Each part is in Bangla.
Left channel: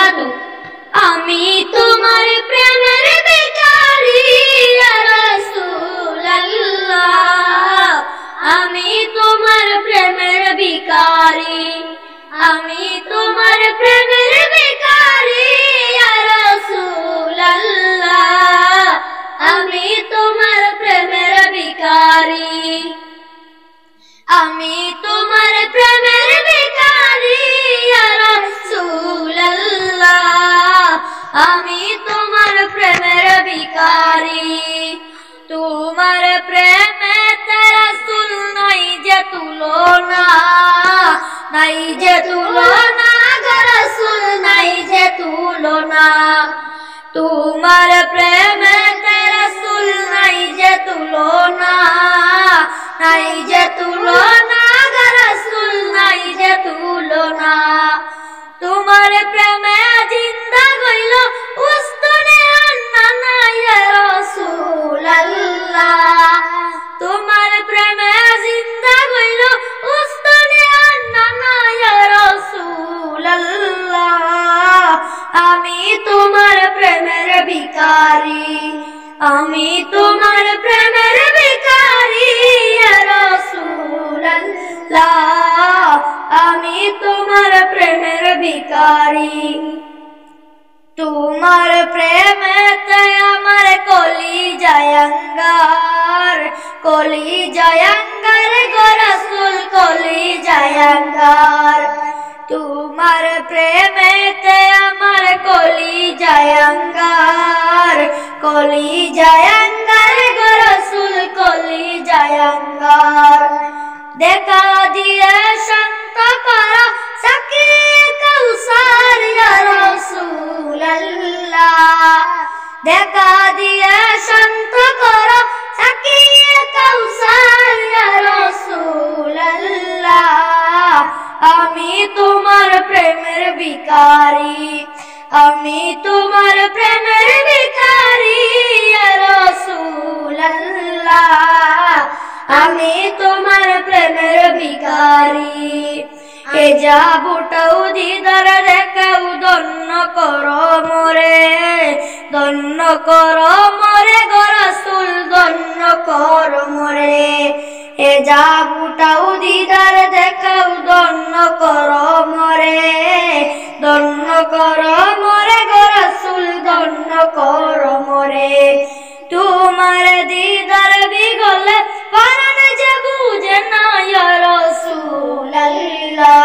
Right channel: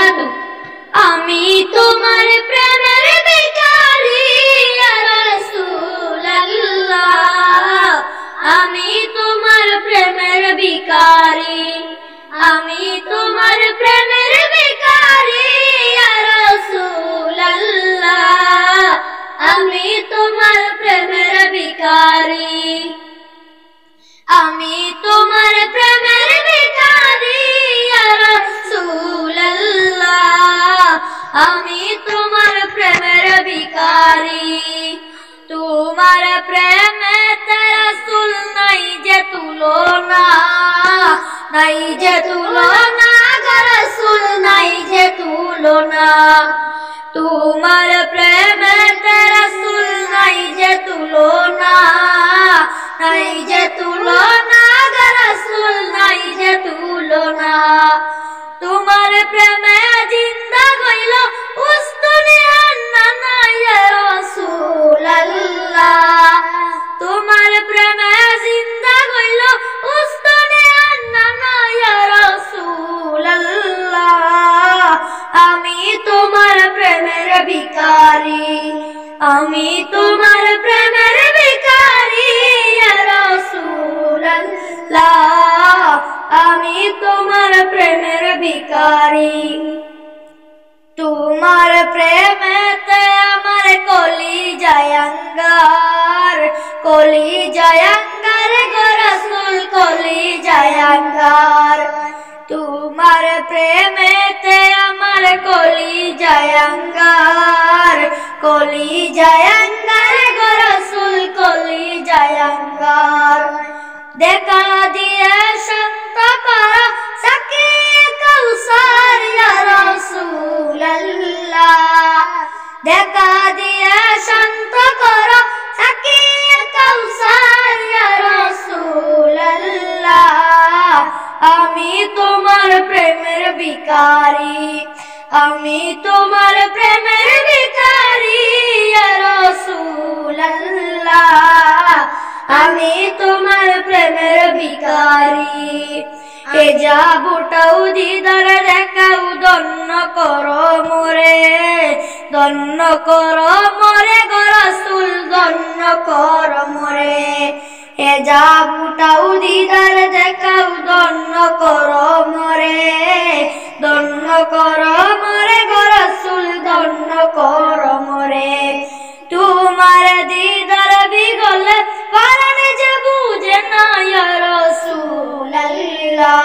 সাধু আমি তোমার প্রেমের ভিখারি ইয়া রাসূলুল্লাহ আমি তোমার প্রেমের ভিখারি আমি তোমার প্রেমের ভিখারি ইয়া রাসূলুল্লাহ আমি তোমার প্রেমের ভিখারি আমি তোমার প্রেমের ভিখারি ইয়া রাসূলুল্লাহ আমি তোমার প্রেমের ভিখারি তোমার প্রেমে রাসূল নাই যে তুলনা নাই যে তুলনা গো রাসূল নাই যে তুলনা তোমার প্রেমে রাসূল নাই যে তুলনা নাই যে তুলনা গো রাসূল নাই যে তুলনা তোমার প্রেমে জিন্দা হইল উস্তুনে আন্না ইয়া রাসূলুল্লাহ তোমার প্রেমে জিন্দা হইল উস্তুনে আন্না ইয়া রাসূলুল্লাহ আমি তোমার প্রেমের ভিখারি আমি তোমার প্রেমের ভিখারি ইয়া রাসূলুল্লাহ আমি তোমার প্রেমের ভিখারি তোমার প্রেমেতে আমার কলিজায় আঙ্গার গো রাসূল কলিজায় আঙ্গার তোমার প্রেমেতে আমার কলিজায় আঙ্গার গো রাসূল কলিজায় আঙ্গার দেখা দিয়ে শান্ত করো সাকিয়ে কাউসার ইয়া রাসূলুল্লাহ দেখা দিয়ে শান্ত করো সাকিয়ে কাউসার ইয়া রাসূলুল্লাহ আমি তোমার প্রেমের ভিখারি আমি তোমার প্রেমের ভিখারি ইয়া রাসূলুল্লাহ আমি তোমার প্রেমের ভিখারি এ যা বুটাও দিদার দেখাও দন্ন করো মোরে গো রাসূল দন্ন করো মোরে এ যা বুটাও দিদার দেখাও দন্ন করো মোরে গো রাসূল দন্ন করো মোরে তোমার দিদার বিগলে পরাণ যে বুঝে না ইয়া রাসূলুল্লাহ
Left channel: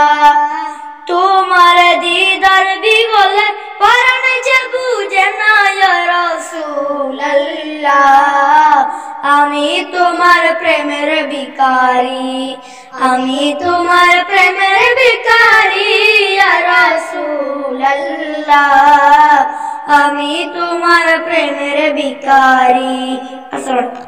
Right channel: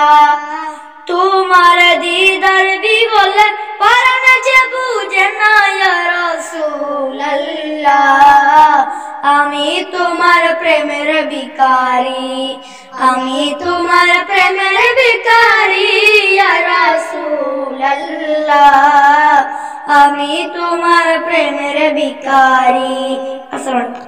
তোমার দিদার বিগলে পরাণ যে বুঝে না ইয়া রাসূলুল্লাহ আমি তোমার প্রেমের ভিখারি আমি তোমার প্রেমের ভিখারি ইয়া রাসূলুল্লাহ আমি তোমার প্রেমের ভিখারি। আসসালামু আলাইকুম।